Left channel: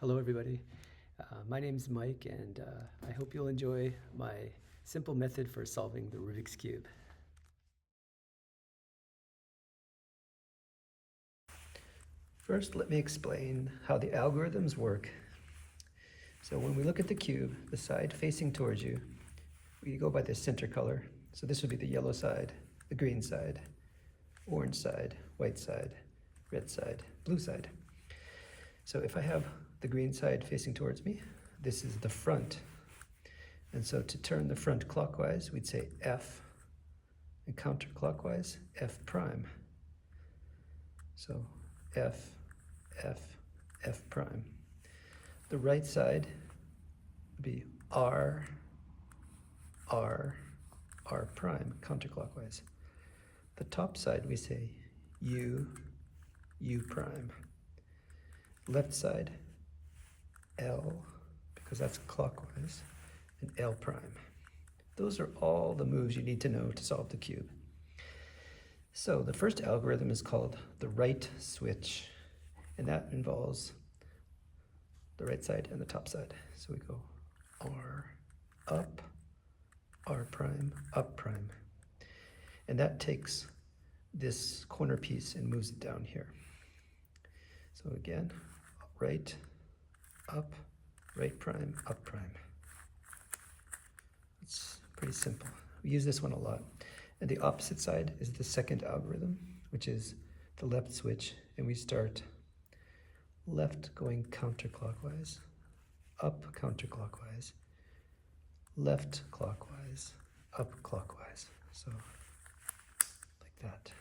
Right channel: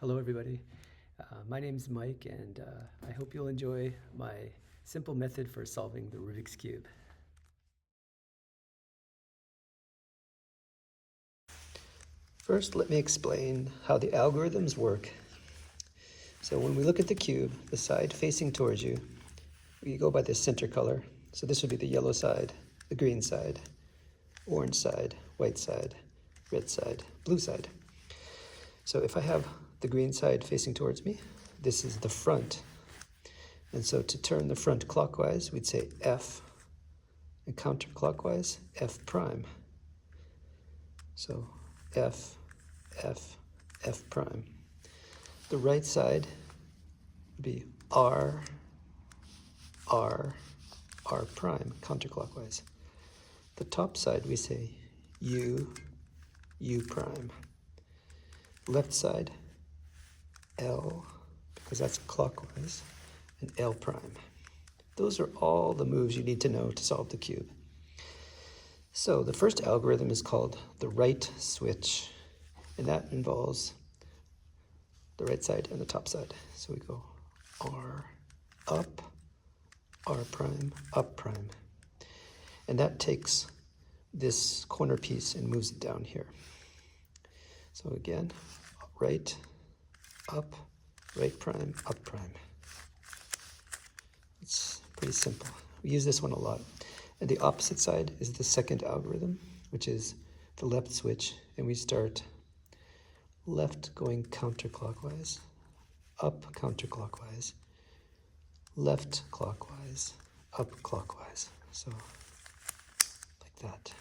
Hello everybody, my name is Mike and I hope you'll enjoy my simple method for solving the Rubik's Cube. First, let me explain how the algorithms work. So when we look at the cube, the side facing towards you, we go by the center color. So this would be the yellow side, the green side, orange side, white side, red side, blue side. So if I have the green side facing towards me, this is the front. And so to turn the front clockwise, we'd say F, and counterclockwise, F prime. So F, F, F prime. The right side would be R, R, R prime, counterclockwise. The top side we say U, U prime. Left side, L, because that's clockwise, and L prime. Those are all the moves you need to know to solve the cube. So the first algorithm is called the right switch, and that involves the right side and the top side. So we go R, up, R prime, up prime. And that takes this corner piece and moves it down here. So again, right, up, right prime, up prime. It's pretty simple. We use this one a lot. And the opposite side is the second algorithm, which is the left switch. And we start left going counterclockwise, up counterclockwise, left clockwise, up clockwise. So like that.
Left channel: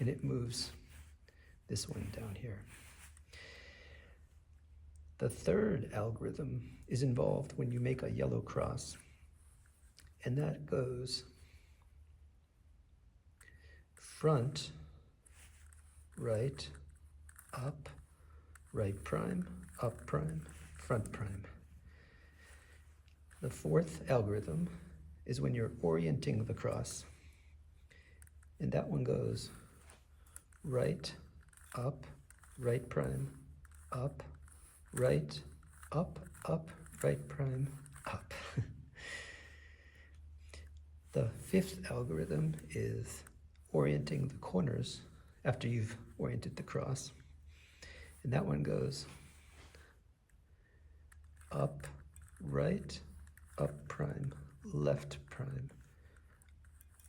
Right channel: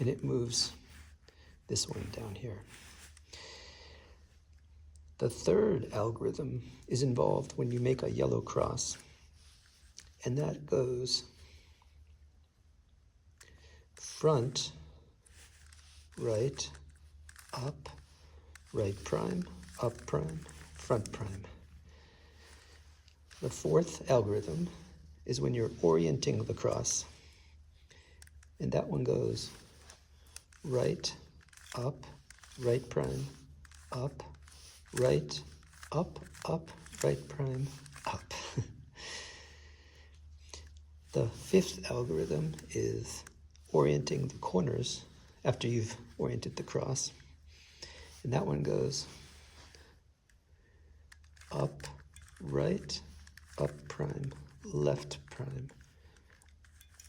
And it moves this one down here. The third algorithm is involved when you make a yellow cross, and that goes front, right, up, right prime, up prime, front prime. The fourth algorithm is when you're orienting the cross, and that one goes right, up, right prime, up, right, up, up, right prime, up. The fifth algorithm is orienting the corners after you've oriented the cross. And that one goes up, right, up prime, left prime,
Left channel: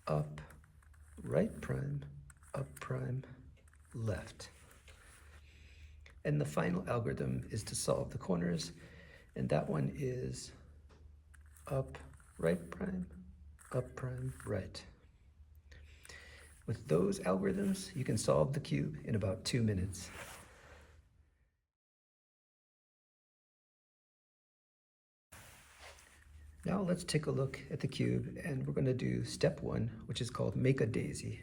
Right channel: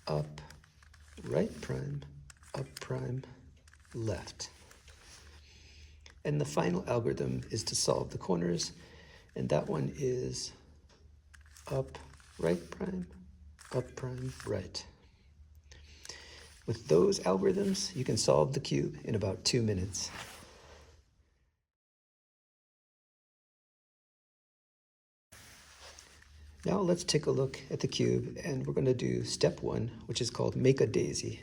up, right prime, up prime, left. And the final algorithm is to solve the corners, and that one is up, right prime, right. With those algorithms, you can solve the cube in about 2 minutes. Now let's take a look at the cube, and we're going to do step 1, which is called make a daisy.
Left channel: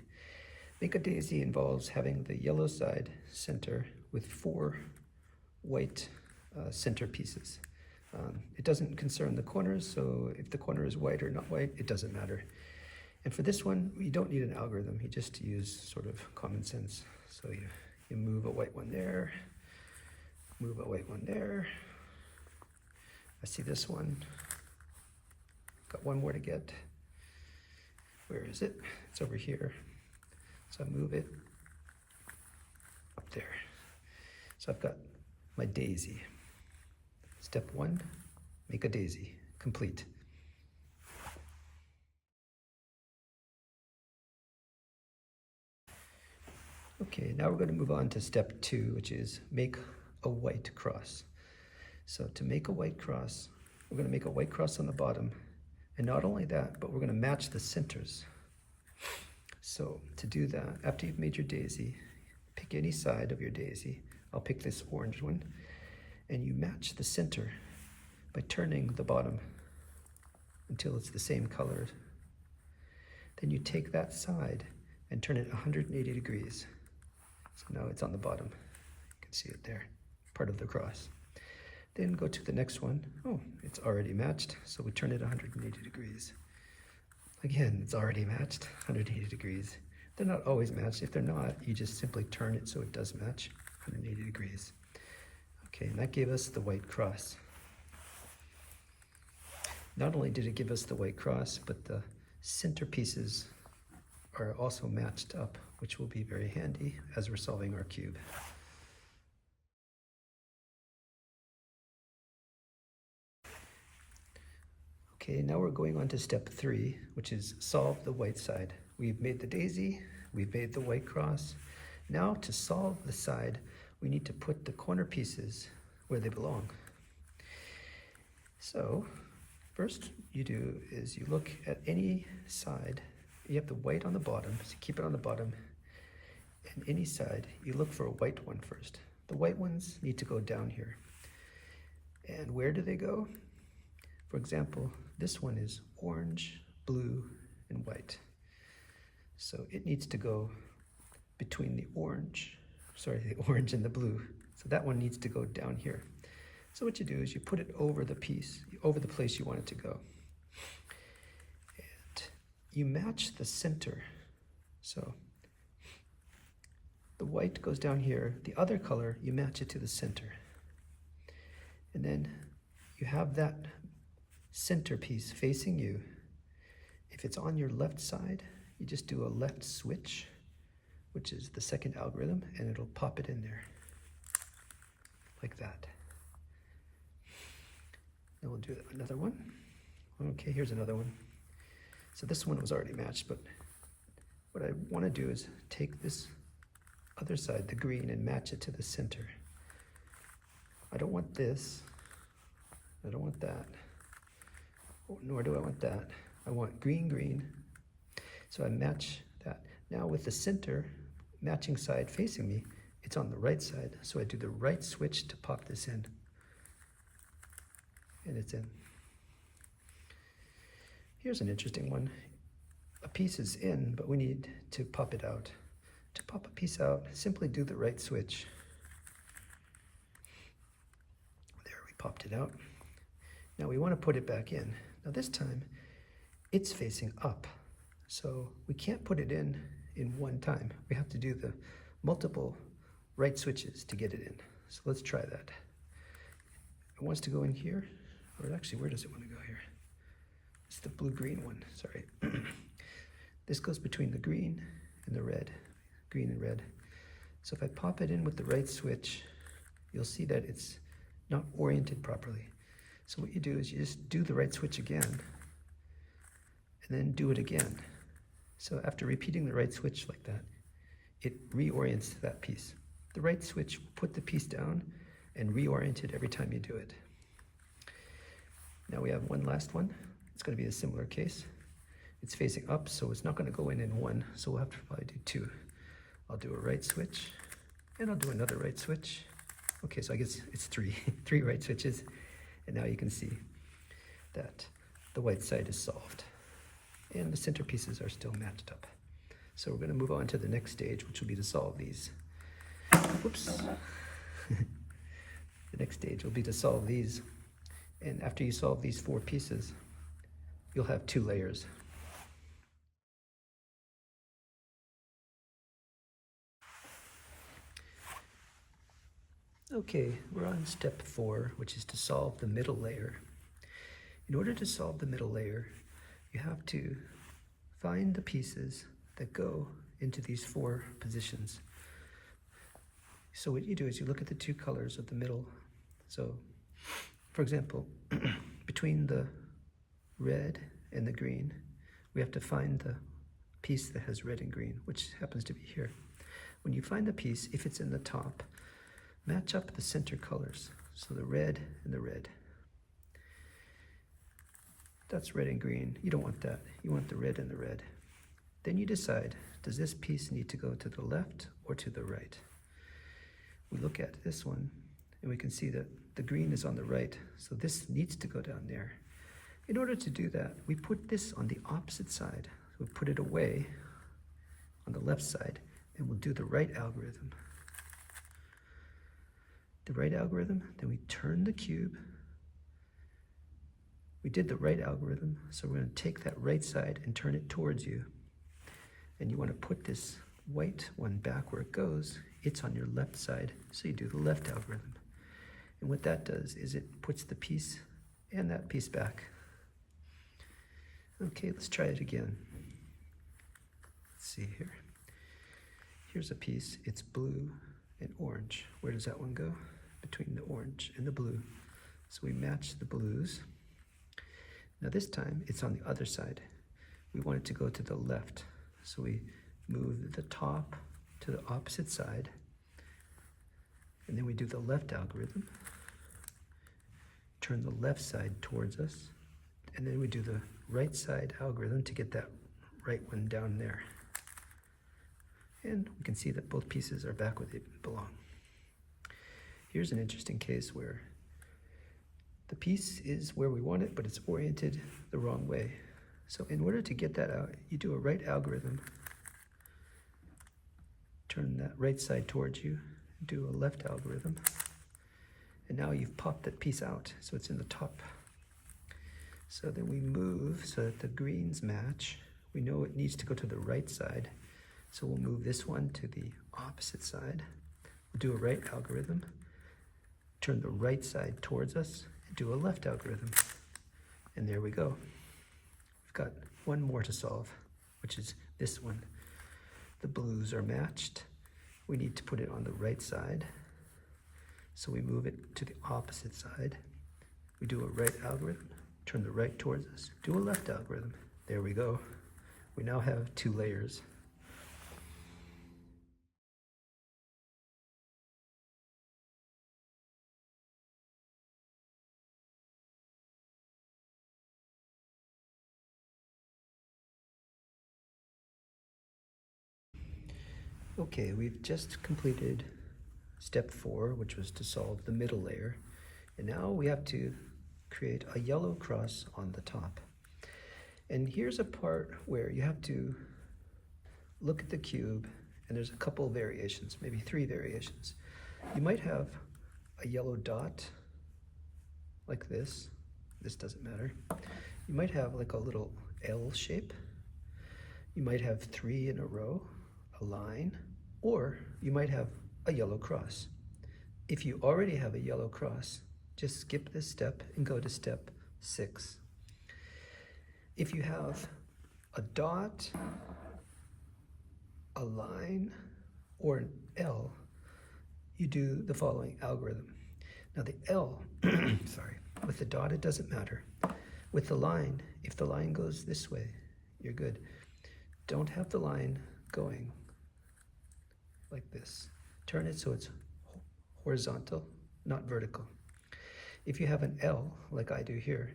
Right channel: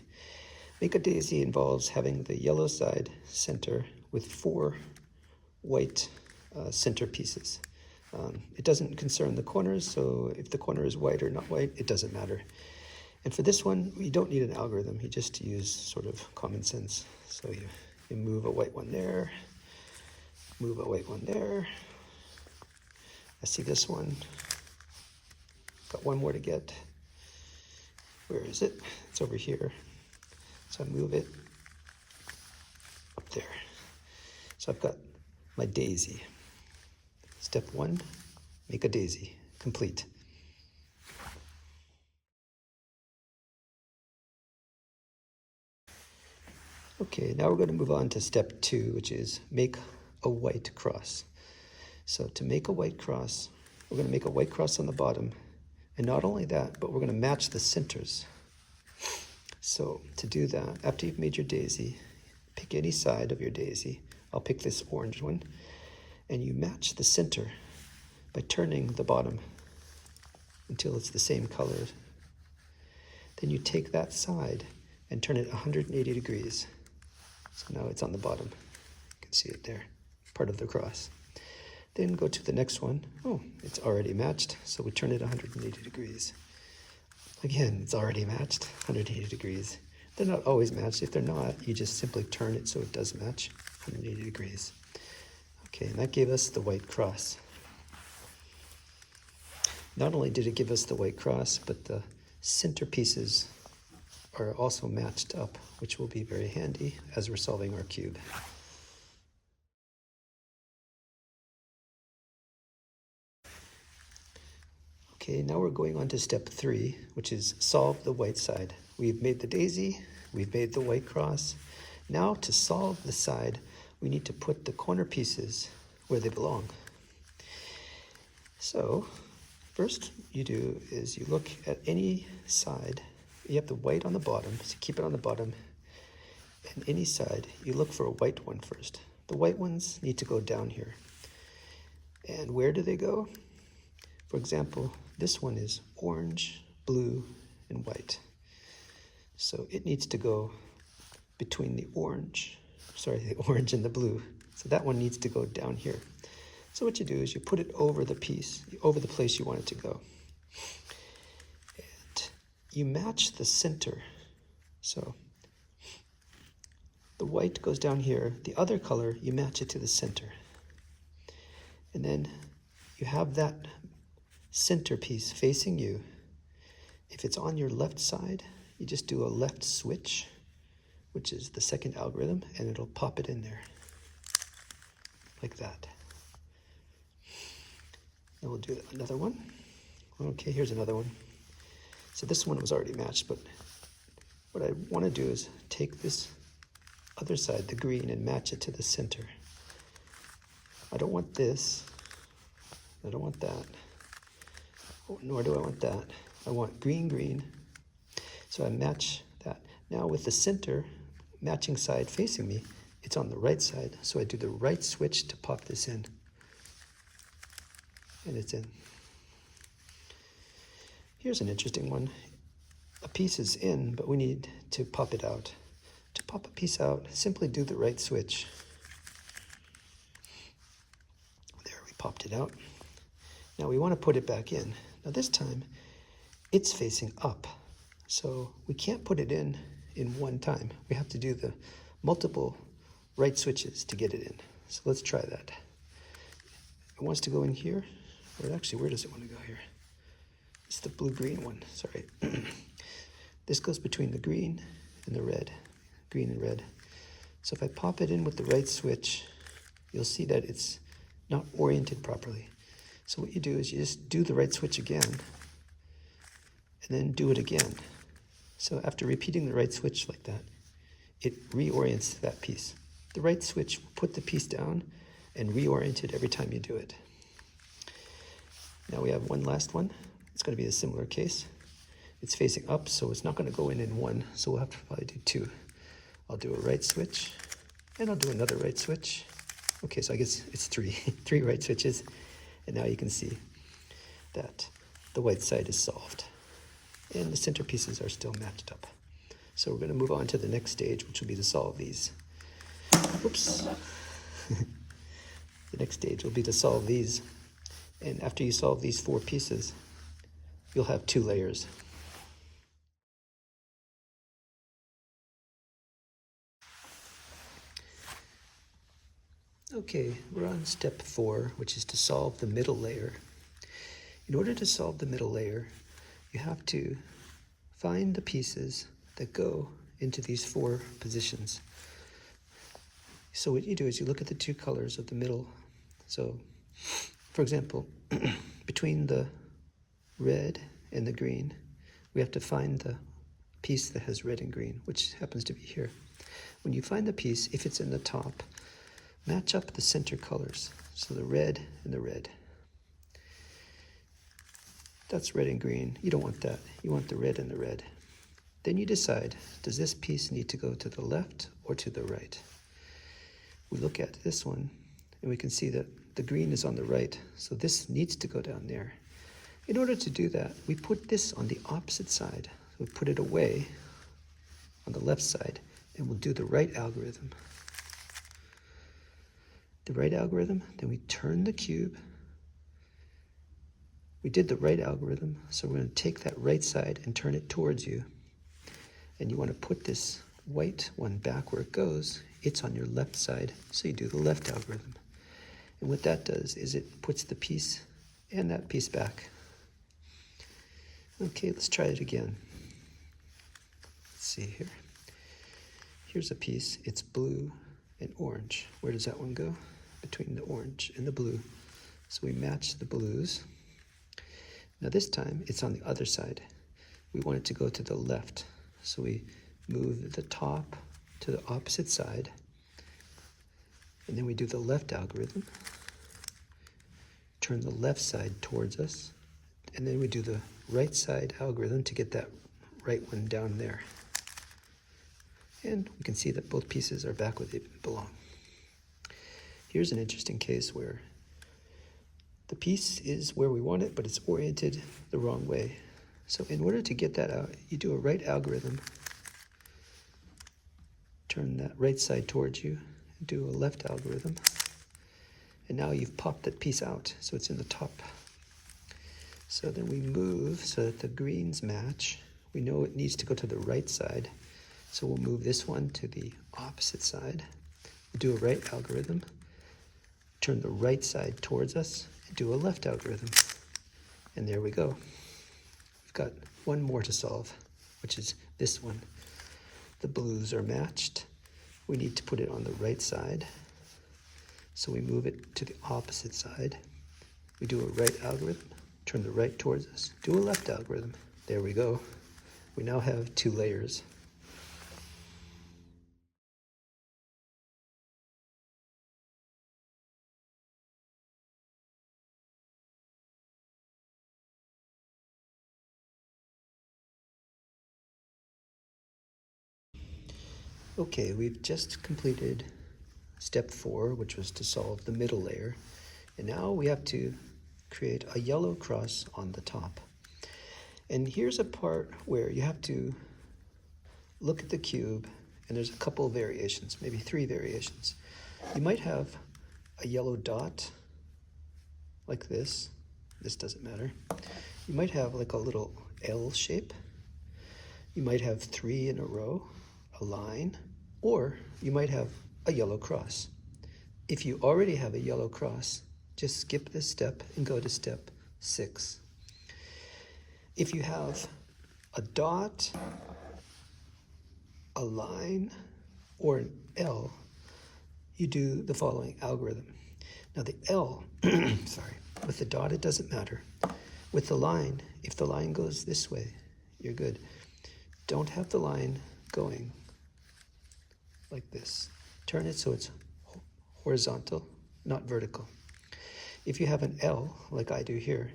Make a daisy involves having the yellow side center with 4 white center pieces. It doesn't concern the corners, so if the corner is white or not white, it doesn't matter. And for this one, you don't need an algorithm. You just use sort of common sense. So you move a white one there, move a white one there. I see this one. Got one more to get. Where is it? It's over here. So I move it up there. So I've got my daisy. Step 1, make a daisy. Complete. Okay, now we're going to move on to step 2, which is make a white cross. So to make a white cross, we're going to make a white cross on the bottom. And not only that, but we're going to match the centers. So to do that, after you've made your daisy, pick any side of your daisy. I'll pick this orange one. And you match the center by turning the bottom until it's the same color. Then you take that side and turn it 180 degrees. So now it's on the bottom. You can see it there, part of the cross. Then go to the next one. Oh, it's already matched, so we turn it 180 degrees. Again, it's already matched, 180 degrees. They're not always matched. If they're not, you just simply turn it so it does match 180 degrees. Okay, and that gave us the white cross. Not only did it give us the white cross, but the center pieces are also matched up, which will be very handy as we're solving our cube. Okay, now we're going on to step 3, which is solve the white side. We've made the daisy, we've made the white cross. Now to solve the side, we need to put the corner pieces where they belong. So first you do is you look at any side. You have the white on the bottom, so keep it on the bottom. And any side, you look for a white one first. The white ones need to go down here. And where do they go? For example, this one is orange, blue, and white. So it needs to go between the orange and the blue. So that one needs to go down here. So what you do is you put it over the piece, over the place you want it to go. And you match the center. So the white goes down here. The other color, you match it to the center. And then you have that centerpiece facing you. If it's on your left side, you just do a left switch, which is the second algorithm, and it'll pop it in there like that. Then we'll do another one. Okay, here's another one. So this one was already matched, but what I want to do is take this other side, the green, and match it to the center. I don't want this. I don't want that. Nor do I want that. I want green, green. So I match that. Now with the center matching side facing me, it's on the right side. So I do the right switch to pop this in. And it's in. Here's an interesting one. A piece is in, but we need to pop it out. To pop a piece out, simply do the right switch. There, we popped it out. Now we want to put it back in. Now this time, it's facing up. So we can't put it in one time. We have to do the multiple right switches to get it in. So let's try that. It wants to go in here. Or actually, where does it want to go here? It's the blue-green one, sorry. This goes between the green and the red. Green and red. So if I pop it in with the right switch, you'll see that it's not oriented properly. So what you do is you just do the right switch again, and then do it again. So after repeating the right switch like that, it reorients that piece. The right switch will put the piece down and reorient it every time you do it. Now we have one last one. It's going to be a similar case. It's facing up, so it's not going to go in one, so we'll have to probably do 2. I'll do a right switch, and I'll do another right switch. Okay, so I guess it's 3, 3 right switches. And now you can see that the white side is solved. And the center pieces are still matched up. So we're going to move on to the next stage, which will be to solve these. Whoops. The next stage will be to solve these. And after you solve these 4 pieces, you'll have 2 layers. Okay, we're on step 4, which is to solve the middle layer. In order to solve the middle layer, you have to find the pieces that go into these 4 positions. So what you do is you look at the 2 colors of the middle. So, for example, between the red and the green, we have to find the piece that has red and green, which happens to be here. When you find the piece, if it's in the top, match up the center colors, so the red and the red. That's red and green. You don't want that. You want the red and the red. Then you decide, does this piece need to go to the left or to the right? We look at this one, and we can see that the green is on the right, so this needs to go down there. In order to do that, we put this on the opposite side. We'll put it away on the left side, and we'll do the right algorithm. The right algorithm, then we turn the cube. We did the right algorithm, so we're going to take that right side and turn it towards you. And you want to put this white one back where it goes. It's on your left side, so you do the left algorithm. And what that does is it puts the piece and that piece back. Okay, let's try it again. Let's see here. Here's a piece. It's blue and orange. Where does that one go? Between the orange and the blue. So we match the blues. Now this time it's on the other side. We want it to go to the left. So we move the top to the opposite side. And then we do the left algorithm. Turn the left side towards us. And then we do the right side algorithm to get that right one down there. And we can see that both pieces are back where they belong. Here's an interesting case where the piece is where we want it, but it's oriented the wrong way. So in order to get that out, you do a right algorithm, turn that right side towards you, do a left algorithm, and now you've popped that piece out, so it's in the top. So then we move so that the greens match. We know it needs to go to the right side, so we'll move this one to the opposite side. We'll do a right algorithm, turn the right side towards us, and do a left algorithm. And there we go. We've got one more to solve, which is this one. The blues are matched. We need to put it on the right side. So we move it to the opposite side. We do a right algorithm, turn the right towards us, do a left algorithm. There we go. We now have 2 layers. Okay, we've just completed step 4, which was to solve the middle layer. And now we have to create a yellow cross on the top. And here's a part where you have to look at the cube, and there's a couple of variations, maybe 3 variations. You might have a yellow dot like this. This doesn't matter. You might have like a little L shape. You might have 3 in a row, a line, or you might have a yellow cross. If you already have a yellow cross, just skip this step and go to step 6. If you have a dot, a line, or an L, you do the following algorithm. Now the L, sorry, with the dot it doesn't matter. With the line, if the line goes this way, you're good. Don't have the line going like this. Turn it so it's horizontal, not vertical. If you have an L, like I do here,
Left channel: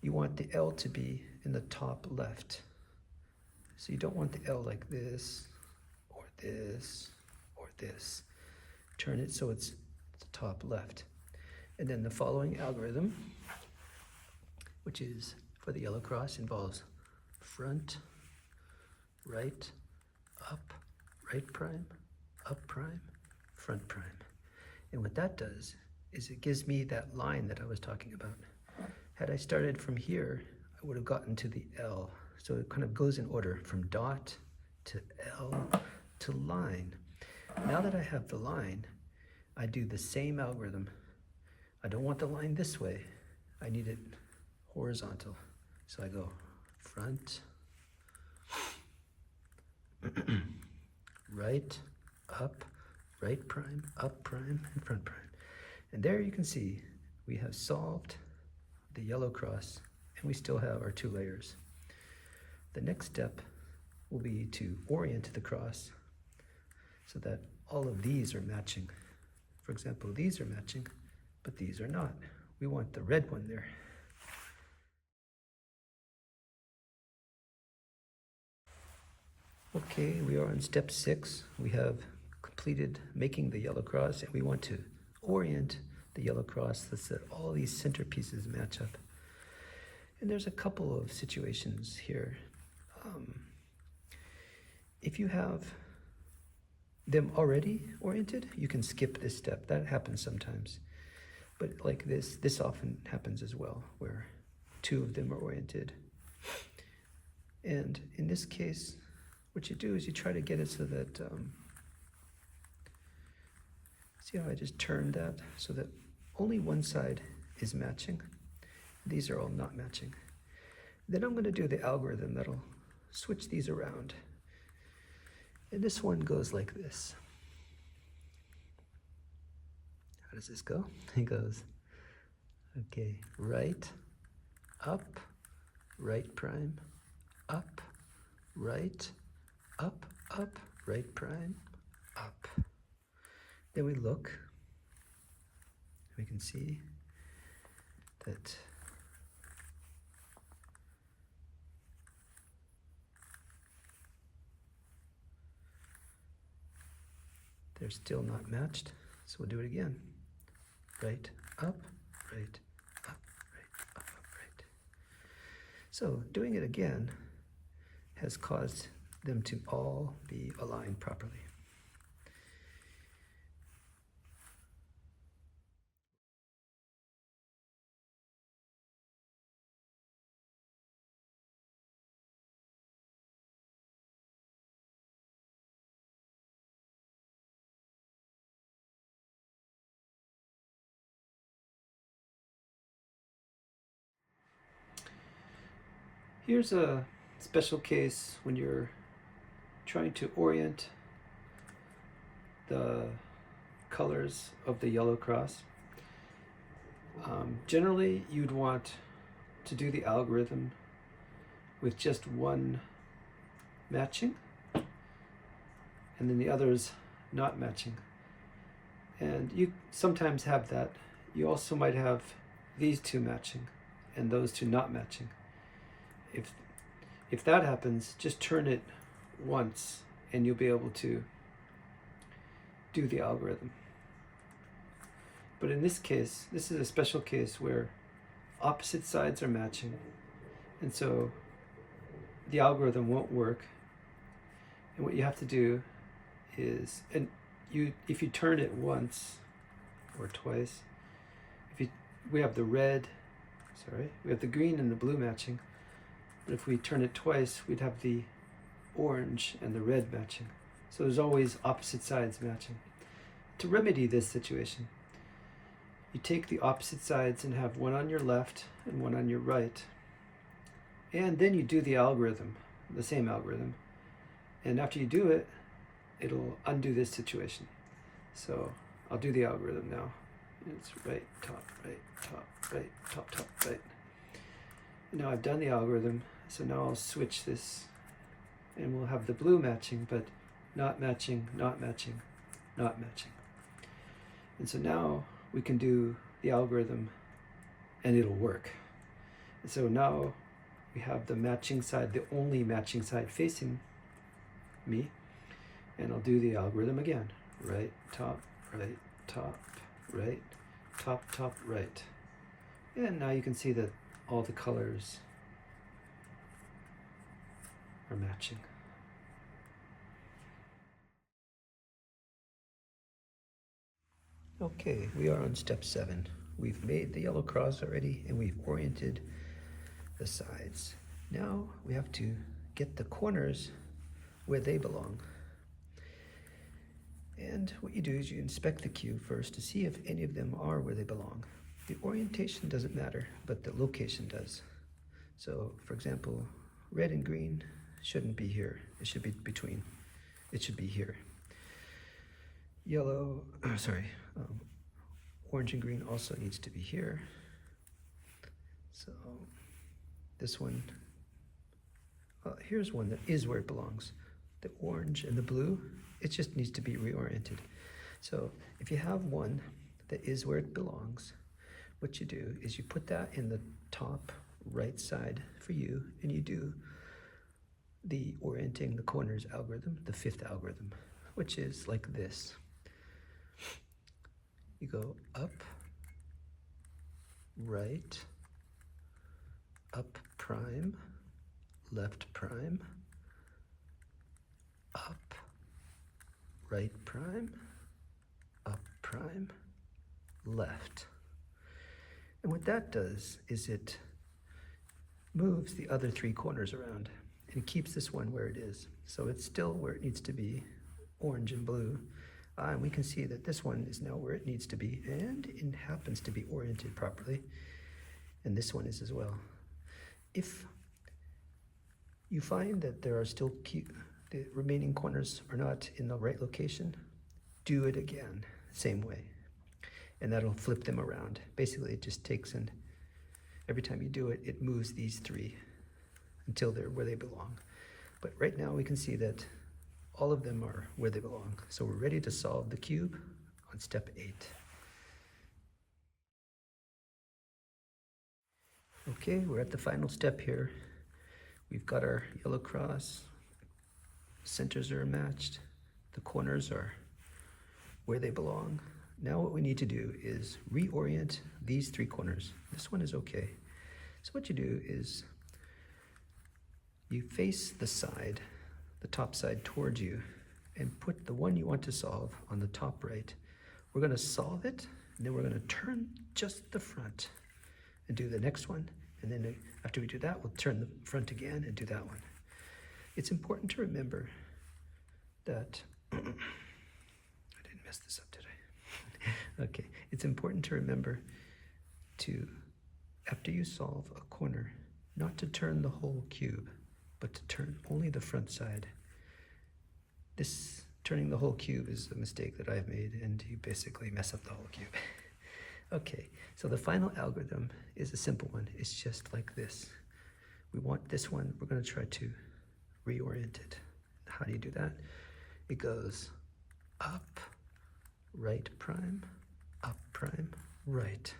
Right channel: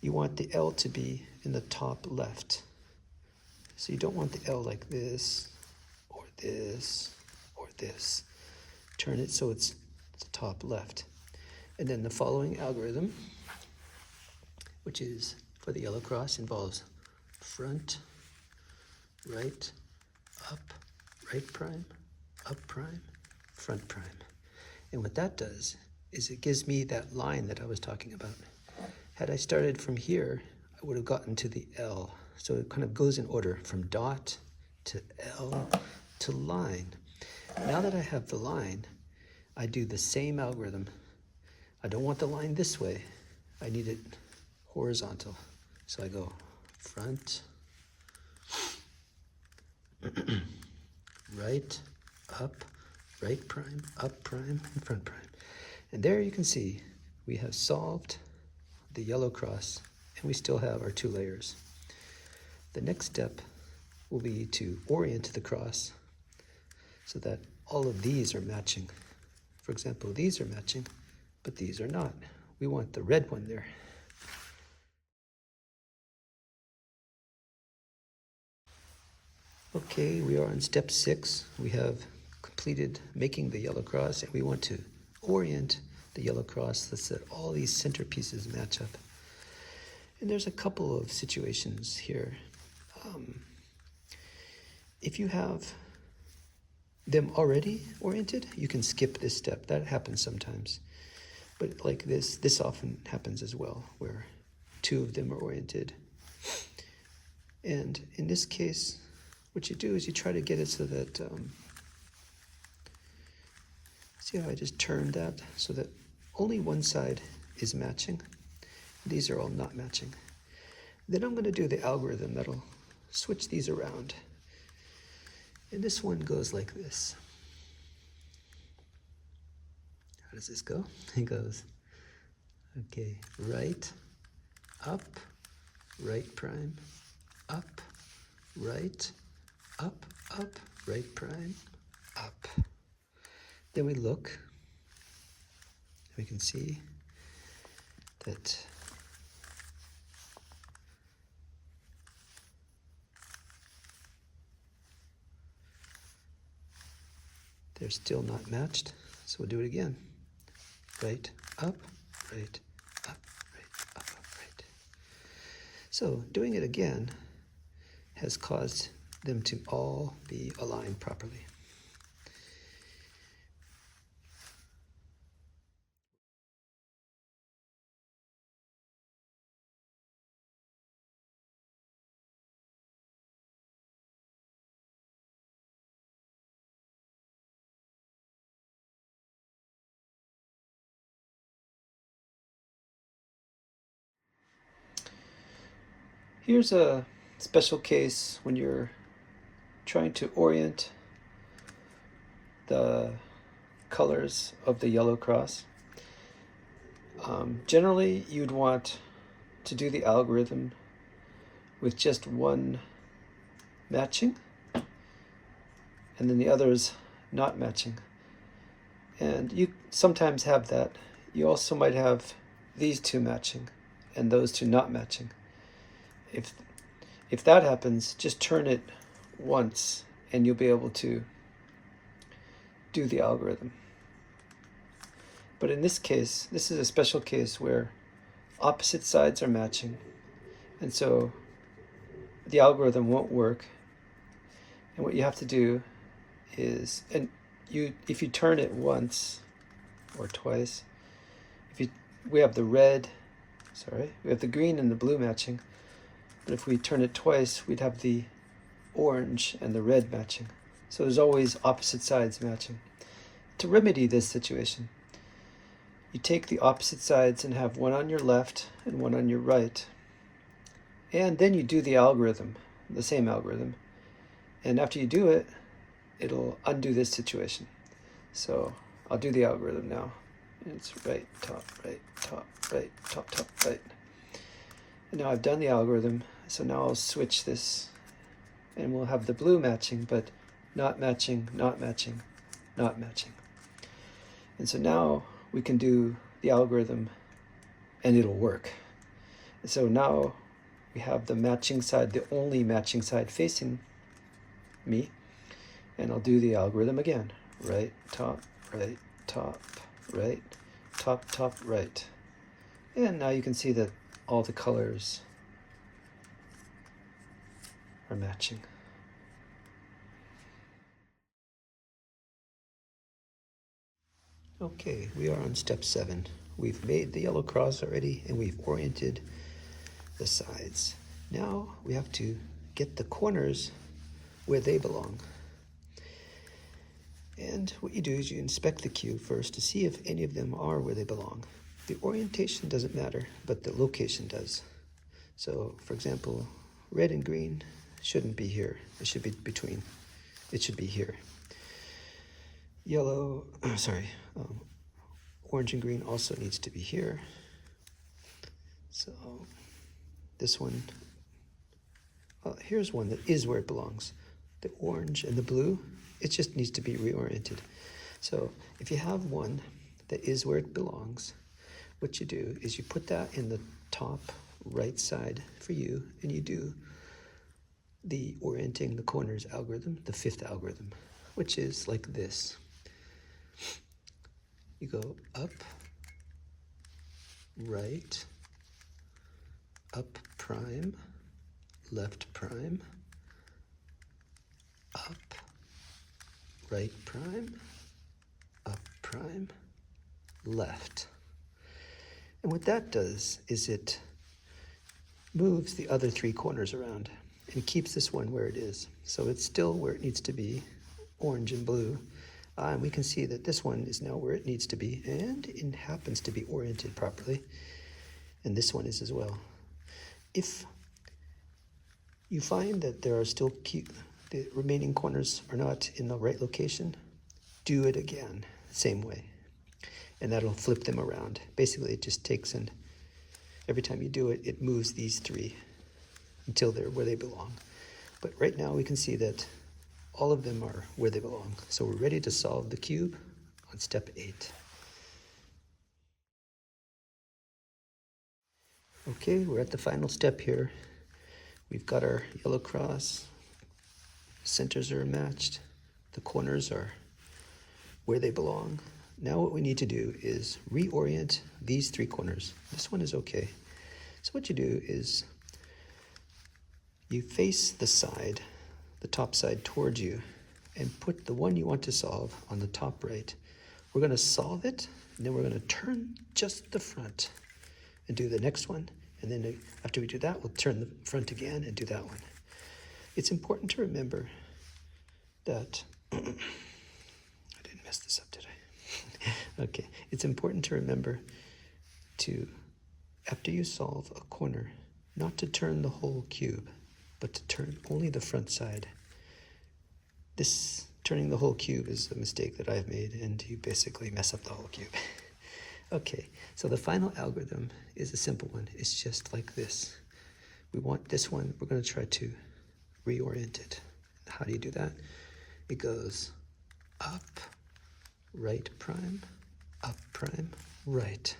you want the L to be in the top left. So you don't want the L like this, or this, or this. Turn it so it's the top left. And then the following algorithm, which is for the yellow cross, involves front, right, up, right prime, up prime, front prime. And what that does is it gives me that line that I was talking about. Had I started from here, I would have gotten to the L. So it kind of goes in order from dot to L to line. Now that I have the line, I do the same algorithm. I don't want the line this way. I need it horizontal. So I go front, right, up, right prime, up prime, and front prime. And there you can see we have solved the yellow cross, and we still have our 2 layers. The next step will be to orient the cross so that all of these are matching. For example, these are matching, but these are not. We want the red one there. Okay, we are on step 6. We have completed making the yellow cross, and we want to orient the yellow cross so that all these center pieces match up. And there's a couple of situations here. If you have them already oriented, you can skip this step. That happens sometimes. But like this often happens as well, where 2 of them are oriented. And in this case, what you do is you try to get it so that, see how I just turned that so that only one side is matching. These are all not matching. Then I'm going to do the algorithm that'll switch these around. And this one goes like this. How does this go? It goes, okay, right, up, right prime, up, right, up, right prime, up. Then we look, we can see that they're still not matched, so we'll do it again. Right, up, right, up, right, up, right. So doing it again has caused them to all be aligned properly. Here's a special case when you're trying to orient the colors of the yellow cross. Generally, you'd want to do the algorithm with just one matching and then the others not matching. And you sometimes have that. You also might have these two matching and those two not matching. If that happens, just turn it once and you'll be able to do the algorithm. But in this case, this is a special case where opposite sides are matching, and so the algorithm won't work. And what you have to do is, if you turn it once or twice, we have the green and the blue matching, but if we turn it twice, we'd have the orange and the red matching. So there's always opposite sides matching. To remedy this situation, you take the opposite sides and have one on your left and one on your right. And then you do the algorithm, the same algorithm. And after you do it, it'll undo this situation. So I'll do the algorithm now. It's right, top, right, top, right, top, top, right. And now I've done the algorithm. So now I'll switch this and we'll have the blue matching, but not matching, not matching, not matching. And so now we can do the algorithm and it'll work. And so now we have the matching side, the only matching side facing me, and I'll do the algorithm again. Right, top, right, top, right, top, top, right. And now you can see that all the colors are matching. Okay, we are on step 7. We've made the yellow cross already and we've oriented the sides. Now we have to get the corners where they belong. And what you do is you inspect the cube first to see if any of them are where they belong. The orientation doesn't matter, but the location does. So, for example, red and green shouldn't be here. It should be between. It should be here. Orange and green also needs to be here. So this one, here's one that is where it belongs. The orange and the blue, it just needs to be reoriented. So if you have one that is where it belongs, what you do is you put that in the top right side for you, and you do the orienting the corners algorithm, the 5th algorithm, which is like this. You go up, right, up prime, left prime, up, right prime, up prime, left. And what that does is it moves the other 3 corners around and keeps this one where it is. So it's still where it needs to be, orange and blue, And we can see that this one is now where it needs to be, and it happens to be oriented properly. And this one is as well. If you find that there are still the remaining corners are not in the right location, do it again, same way. And that'll flip them around. Basically, it just takes and every time you do it, it moves these three until they're where they belong. But right now we can see that all of them are where they belong. So we're ready to solve the cube on step 8. Okay, we're at the final step here. We've got our yellow cross, centers are matched, the corners are where they belong. Now what we need to do is reorient these 3 corners. This one is okay. So what you do is you face the side, the top side towards you, and put the one you want to solve on the top right. We're going to solve it, and then we're going to turn just the front and do the next one. And then after we do that, we'll turn the front again and do that one. It's important to remember that, I didn't mess this up, did I? Okay, it's important to remember to, after you solve a corner, not to turn the whole cube, but to turn only the front side. This turning the whole cube is a mistake that I've made, and you basically mess up the whole cube. Okay, so the final algorithm is a simple one. It's just like this. We want this one, we're going to try to reorient it. How do you do that? It goes up, right prime, up prime, right.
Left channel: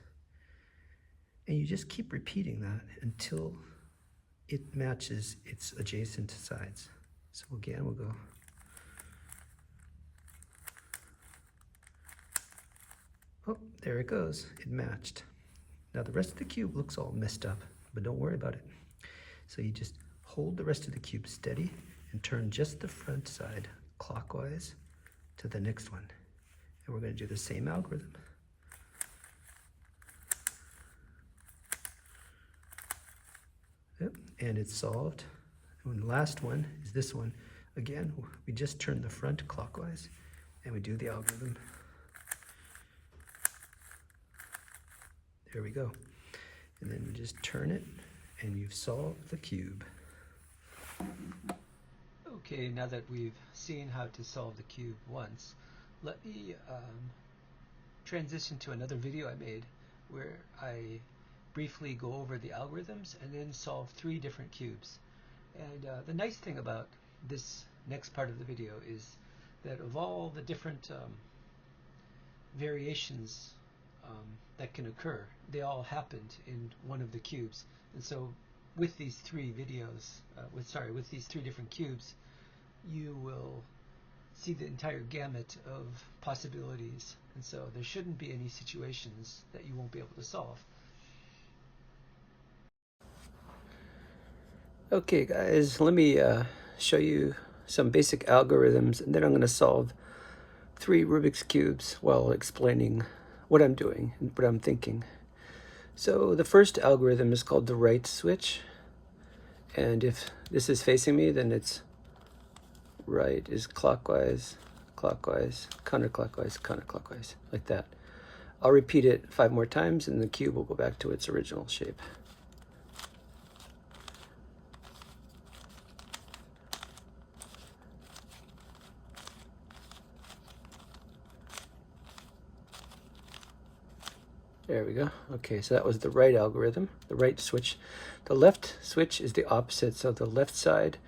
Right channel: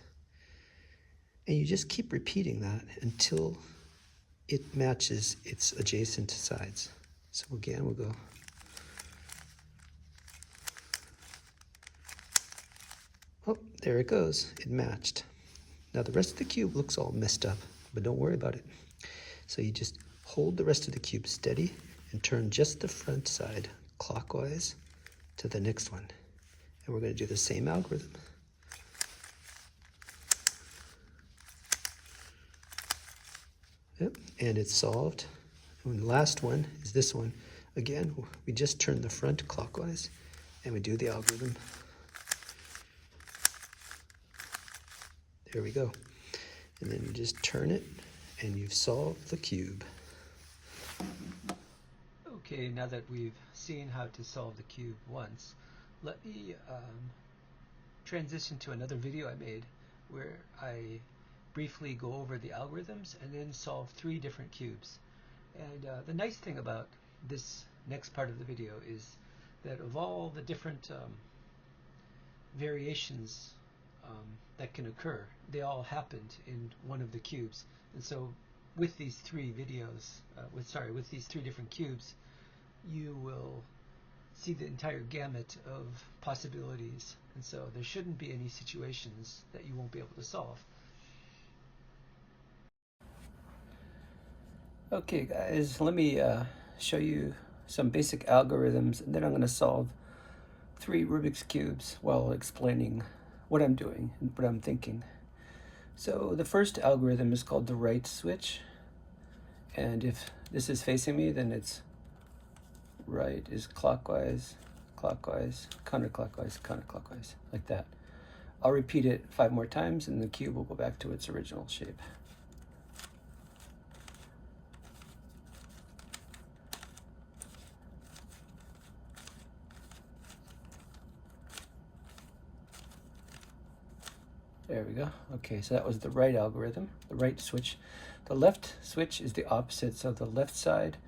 And you just keep repeating that until it matches its adjacent sides. So again, we'll go oh, there it goes. It matched. Now the rest of the cube looks all messed up, but don't worry about it. So you just hold the rest of the cube steady and turn just the front side clockwise to the next one. And we're going to do the same algorithm. Yep, and it's solved. And the last one is this one. Again, we just turn the front clockwise and we do the algorithm. There we go. And then you just turn it and you've solved the cube. Okay, now that we've seen how to solve the cube once, let me transition to another video I made where I briefly go over the algorithms and then solve 3 different cubes. And the nice thing about this next part of the video is that of all the different variations that can occur, they all happened in one of the cubes. And so with these 3 videos, with these 3 different cubes, you will see the entire gamut of possibilities. And so there shouldn't be any situations that you won't be able to solve. Okay guys, let me show you some basic algorithms, and then I'm going to solve 3 Rubik's Cubes while explaining what I'm doing and what I'm thinking. So the first algorithm is called the right switch, and if this is facing me, then it's right is clockwise, clockwise, counterclockwise, counterclockwise, like that. I'll repeat it 5 more times and the cube will go back to its original shape. There we go. Okay, so that was the right algorithm, the right switch. The left switch is the opposite, so the left side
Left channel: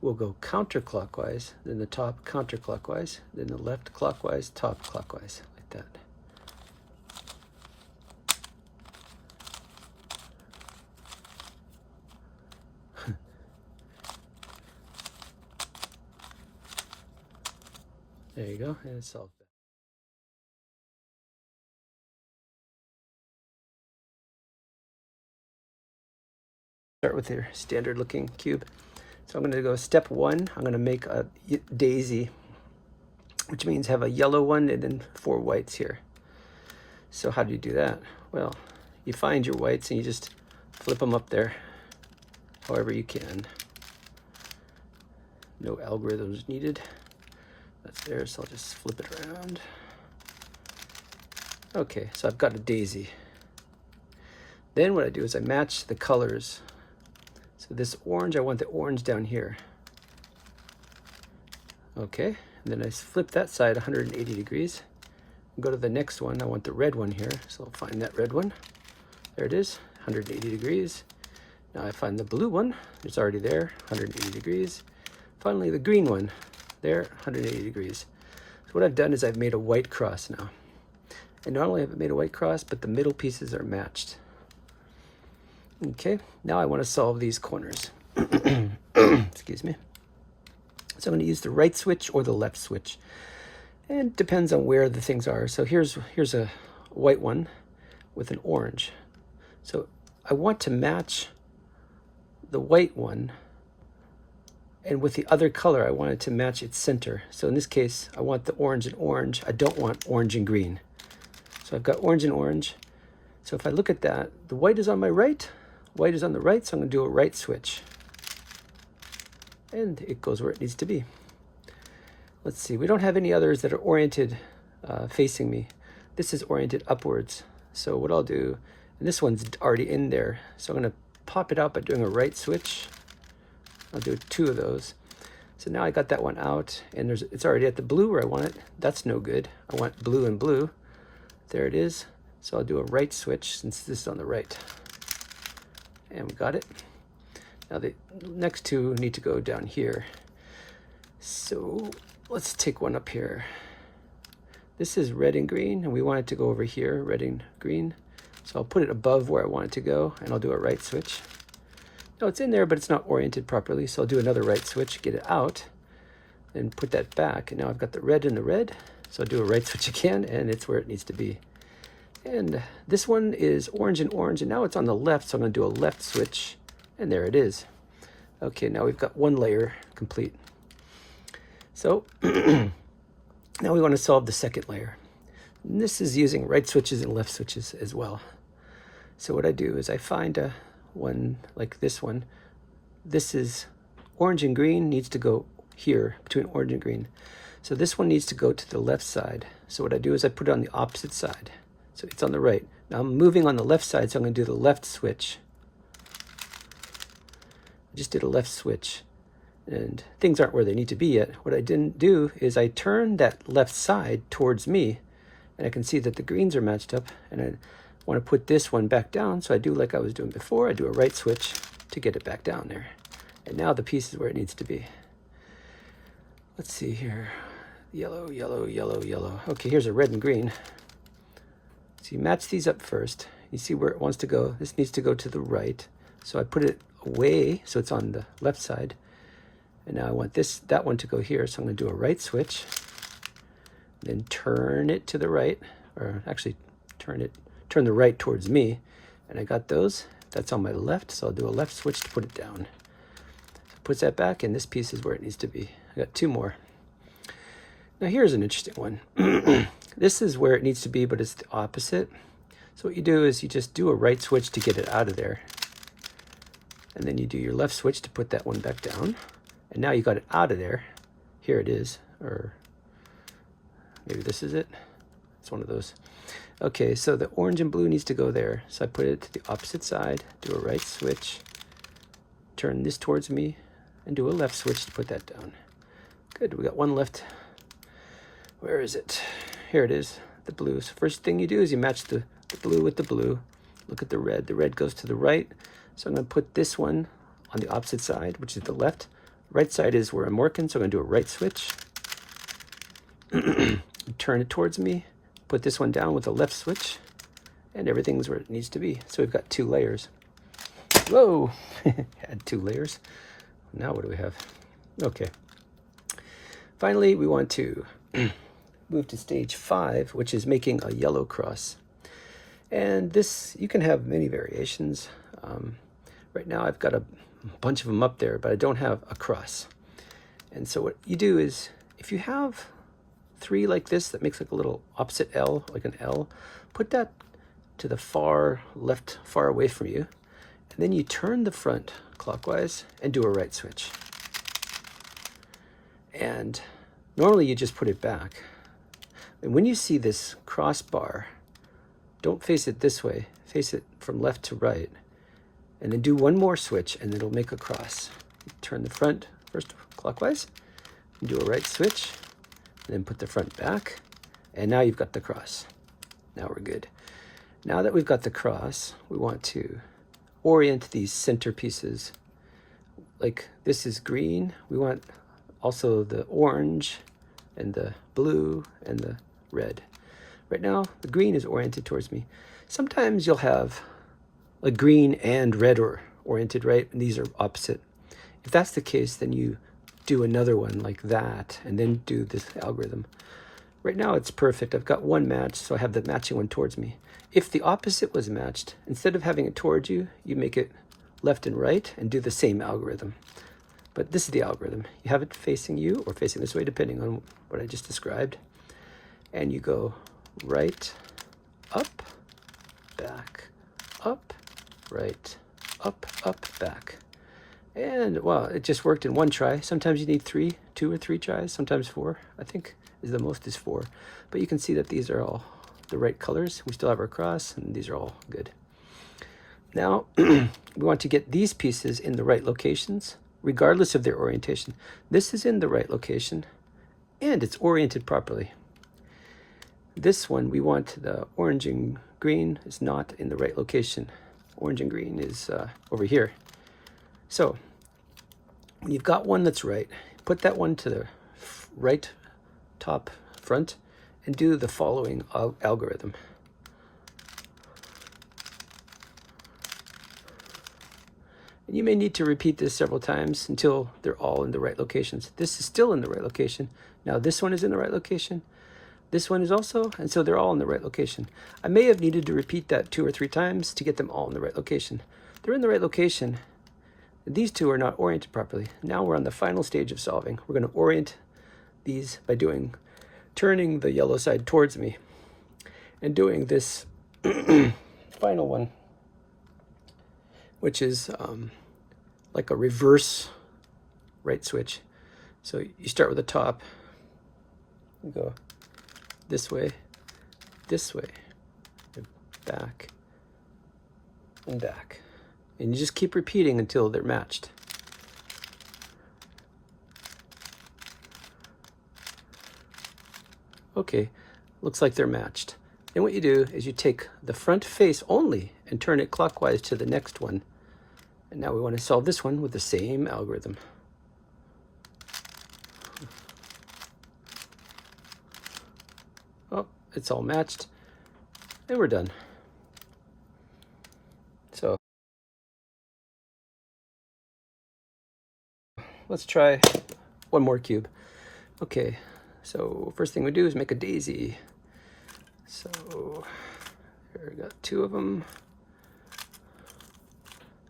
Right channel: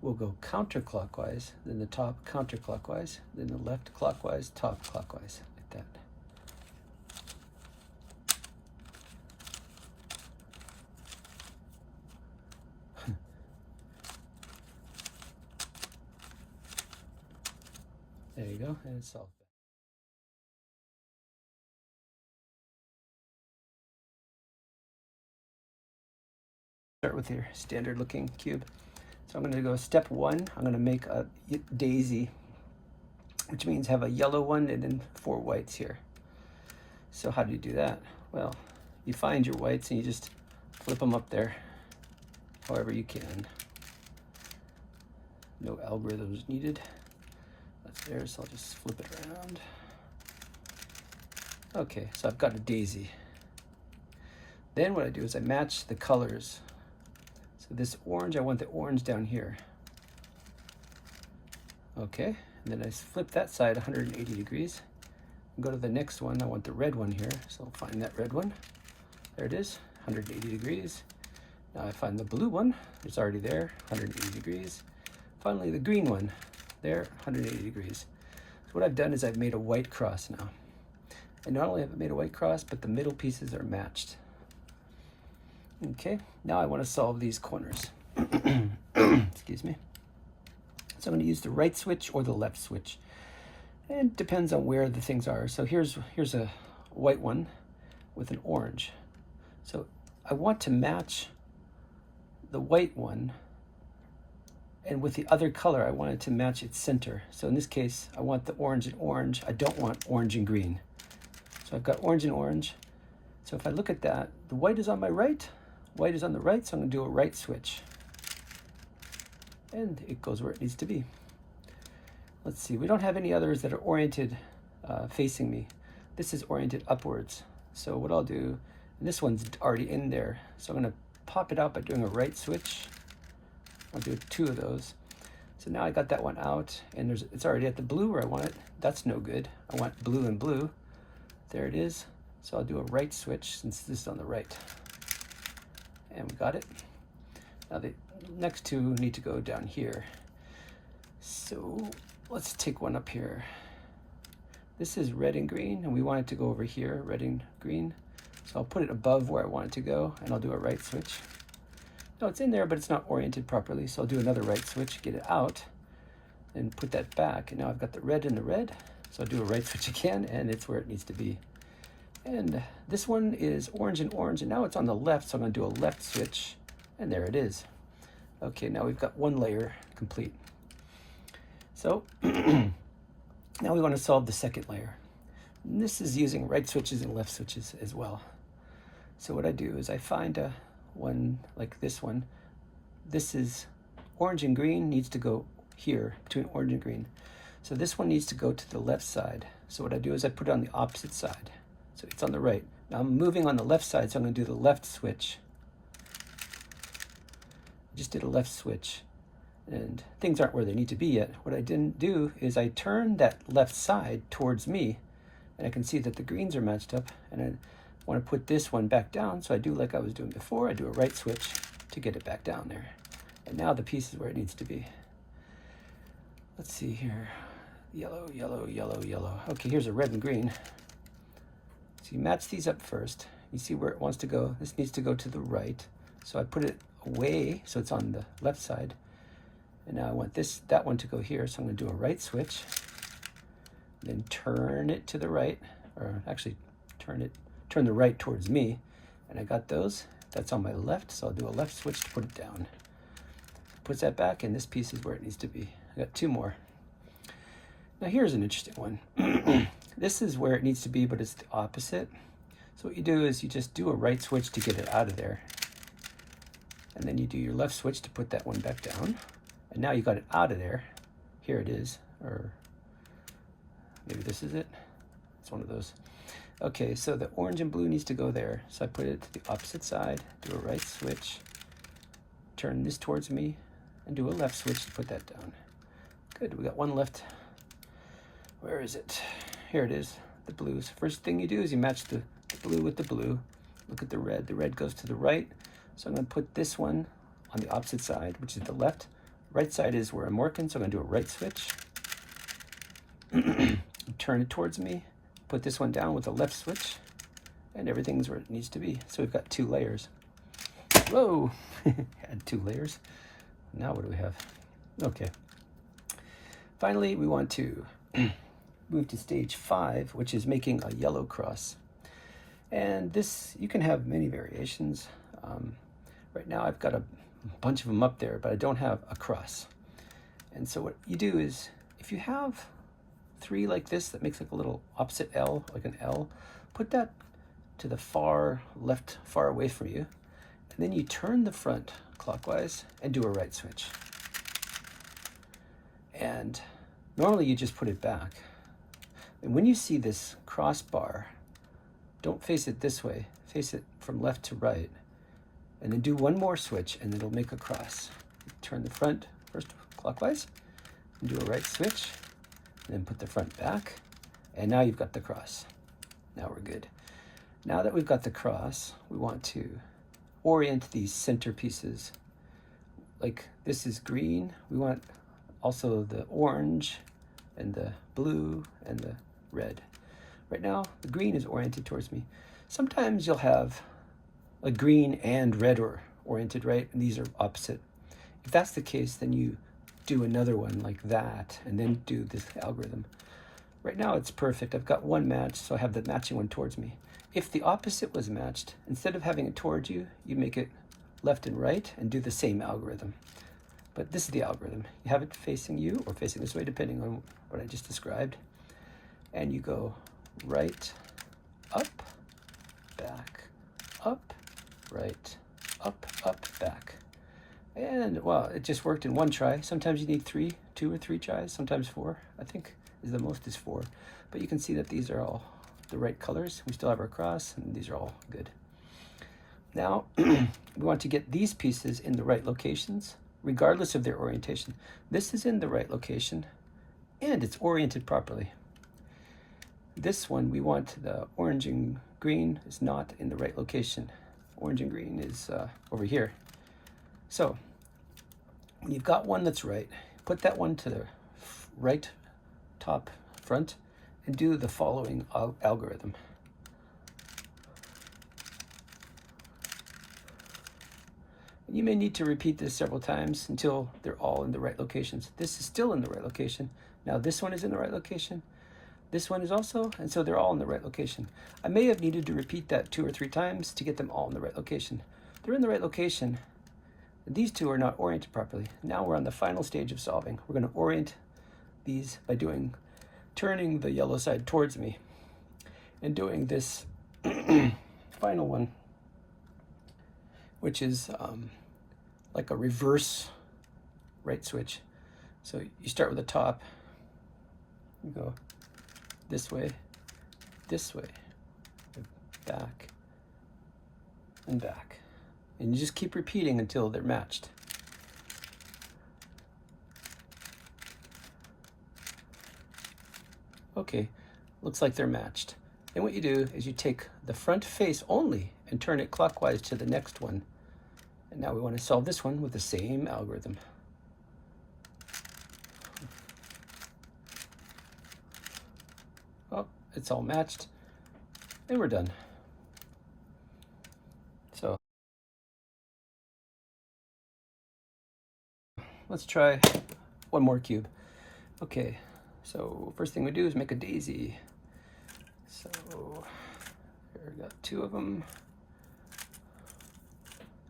will go counterclockwise, then the top counterclockwise, then the left clockwise, top clockwise, like that. There you go, and it's solved. Start with your standard looking cube. So I'm going to go step 1. I'm going to make a daisy, which means have a yellow one and then 4 whites here. So how do you do that? Well, you find your whites and you just flip them up there however you can. No algorithms needed. That's there, so I'll just flip it around. Okay, so I've got a daisy. Then what I do is I match the colors. So this orange, I want the orange down here. Okay, and then I flip that side 180 degrees. Go to the next one, I want the red one here, so I'll find that red one. There it is, 180 degrees. Now I find the blue one, it's already there, 180 degrees. Finally the green one, there, 180 degrees. So what I've done is I've made a white cross now. And not only have I made a white cross, but the middle pieces are matched. Okay, now I want to solve these corners. Excuse me. So I'm going to use the right switch or the left switch. And it depends on where the things are. So here's a white one with an orange. So I want to match the white one, and with the other color I want it to match its center. So in this case I want the orange and orange. I don't want orange and green. So I've got orange and orange. So if I look at that, the white is on my right, white is on the right, so I'm going to do a right switch. And it goes where it needs to be. Let's see, we don't have any others that are oriented facing me. This is oriented upwards. So what I'll do, and this one's already in there, so I'm going to pop it out by doing a right switch. I'll do 2 of those. So now I got that one out, and it's already at the blue where I want it. That's no good. I want blue and blue. There it is. So I'll do a right switch since this is on the right. And we got it. Now the next 2 need to go down here. So let's take one up here. This is red and green, and we want it to go over here, red and green. So I'll put it above where I want it to go, and I'll do a right switch. No, it's in there, but it's not oriented properly, so I'll do another right switch, get it out, and put that back. And now I've got the red and the red, so I'll do a right switch again, and it's where it needs to be. And this one is orange and orange, and now it's on the left, so I'm going to do a left switch, and there it is. Okay, now we've got one layer complete. So now we want to solve the second layer. And this is using right switches and left switches as well. So what I do is I find one like this one. This is orange and green, needs to go here between orange and green. So this one needs to go to the left side. So what I do is I put it on the opposite side. So it's on the right. Now I'm moving on the left side, so I'm going to do the left switch. I just did a left switch, and things aren't where they need to be yet. What I didn't do is I turned that left side towards me, and I can see that the greens are matched up, and I want to put this one back down, so I do like I was doing before. I do a right switch to get it back down there. And now the piece is where it needs to be. Let's see here. Yellow, yellow, yellow, yellow. Okay, here's a red and green. So you match these up first. You see where it wants to go. This needs to go to the right. So I put it away so it's on the left side. And now I want that one to go here. So I'm going to do a right switch. Then turn it to the right, or actually turn the right towards me. And I got those. That's on my left, so I'll do a left switch to put it down. So it puts that back, and this piece is where it needs to be. I got 2 more. Now here's an interesting one. This is where it needs to be, but it's the opposite. So what you do is you just do a right switch to get it out of there. And then you do your left switch to put that one back down. And now you got it out of there. Here it is, or maybe this is it. It's one of those. Okay, so the orange and blue needs to go there. So I put it to the opposite side, do a right switch, turn this towards me, and do a left switch to put that down. Good, we got one left. Where is it? Here it is, the blue. So first thing you do is you match the blue with the blue. Look at the red. The red goes to the right. So I'm going to put this one on the opposite side, which is the left. Right side is where I'm working, so I'm going to do a right switch. Turn it towards me. Put this one down with a left switch. And everything's where it needs to be. So we've got 2 layers. Whoa! Had 2 layers. Now what do we have? Okay. Finally, we want to move to stage 5, which is making a yellow cross. And this, you can have many variations. Right now I've got a bunch of them up there, but I don't have a cross. And so what you do is, if you have 3 like this that makes like a little opposite L, like an L, put that to the far left, far away from you. And then you turn the front clockwise and do a right switch. And Normally you just put it back. And when you see this crossbar, don't face it this way. Face it from left to right. And then do one more switch and it'll make a cross. Turn the front first clockwise, and do a right switch, and then put the front back. And now you've got the cross. Now we're good. Now that we've got the cross, we want to orient these center pieces. Like this is green. We want also the orange and the blue and the red. Right now, the green is oriented towards me. Sometimes you'll have a green and red or oriented, right? And these are opposite. If that's the case, then you do another one like that and then do this algorithm. Right now it's perfect. I've got one match, so I have the matching one towards me. If the opposite was matched, instead of having it towards you, you make it left and right and do the same algorithm. But this is the algorithm. You have it facing you or facing this way, depending on what I just described. And you go right, up, back, up, right, up, back. And well, it just worked in one try. Sometimes you need 2 or 3 tries, sometimes 4. I think is the most is 4. But you can see that these are all the right colors. We still have our cross, and these are all good. Now, we want to get these pieces in the right locations, regardless of their orientation. This is in the right location, and it's oriented properly. This one, we want the orange and green is not in the right location. Orange and green is over here. So, when you've got one that's right, put that one to the right top front and do the following algorithm. And you may need to repeat this several times until they're all in the right locations. This is still in the right location. Now this one is in the right location. This one is also, and so they're all in the right location. I may have needed to repeat that 2 or 3 times to get them all in the right location. They're in the right location. These two are not oriented properly. Now we're on the final stage of solving. We're going to orient these by turning the yellow side towards me and doing this final one, which is like a reverse right switch. So you start with the top, you go this way, back, and back. And you just keep repeating until they're matched. Okay, looks like they're matched. Then what you do is you take the front face only and turn it clockwise to the next one. And now we want to solve this one with the same algorithm. Oh, it's all matched. And we're done. So let's try one more cube. Okay, so first thing we do is make a daisy. So here we got 2 of them.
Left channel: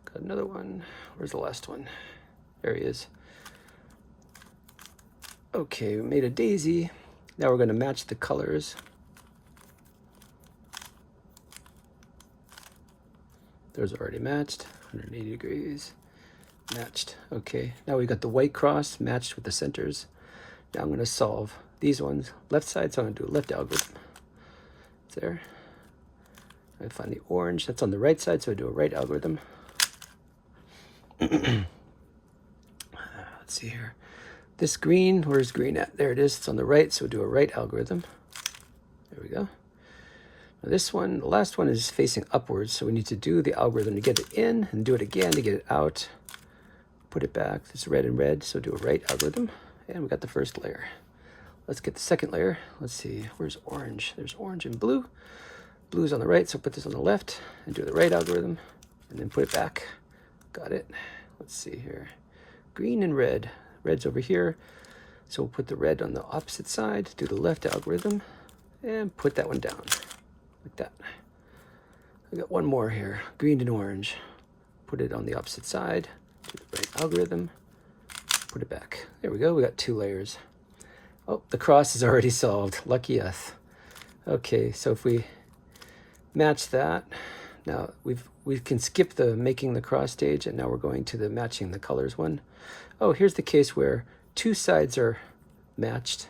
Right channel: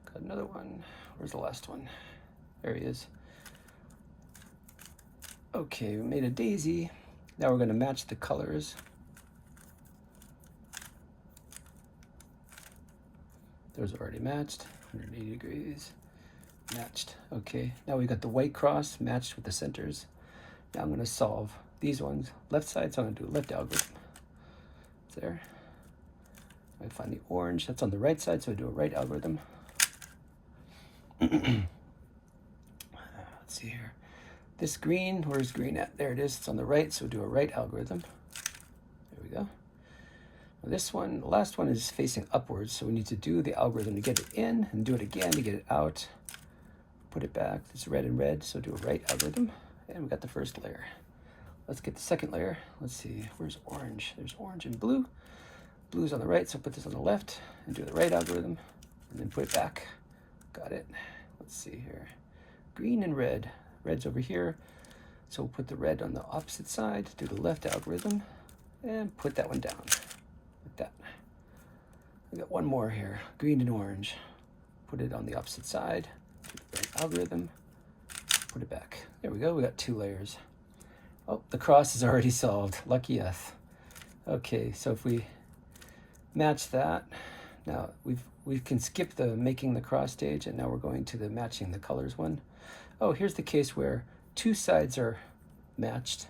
Got another one. Where's the last one? There he is. Okay, we made a daisy. Now we're going to match the colors. Those are already matched. 180 degrees. Matched. Okay, now we got the white cross matched with the centers. Now I'm going to solve these ones. Left side, so I'm going to do a left algorithm. It's there. I find the orange. That's on the right side, so I do a right algorithm. Let's see here. This green, where's green at? There it is. It's on the right, so do a right algorithm. There we go. Now this one, the last one is facing upwards, so we need to do the algorithm to get it in and do it again to get it out. Put it back. It's red and red, so do a right algorithm. And we got the first layer. Let's get the second layer. Let's see, where's orange? There's orange and blue. Blue's on the right, so put this on the left and do the right algorithm and then put it back. Got it. Let's see here. Green and red. Red's over here, so we'll put the red on the opposite side, do the left algorithm, and put that one down, like that. I got one more here, green and orange. Put it on the opposite side, do the right algorithm, put it back. There we go, we got 2 layers. Oh, the cross is already solved, lucky us. Okay, so if we match that, now we can skip the making the cross stage, and now we're going to the matching the colors one. Oh, here's the case where 2 sides are matched.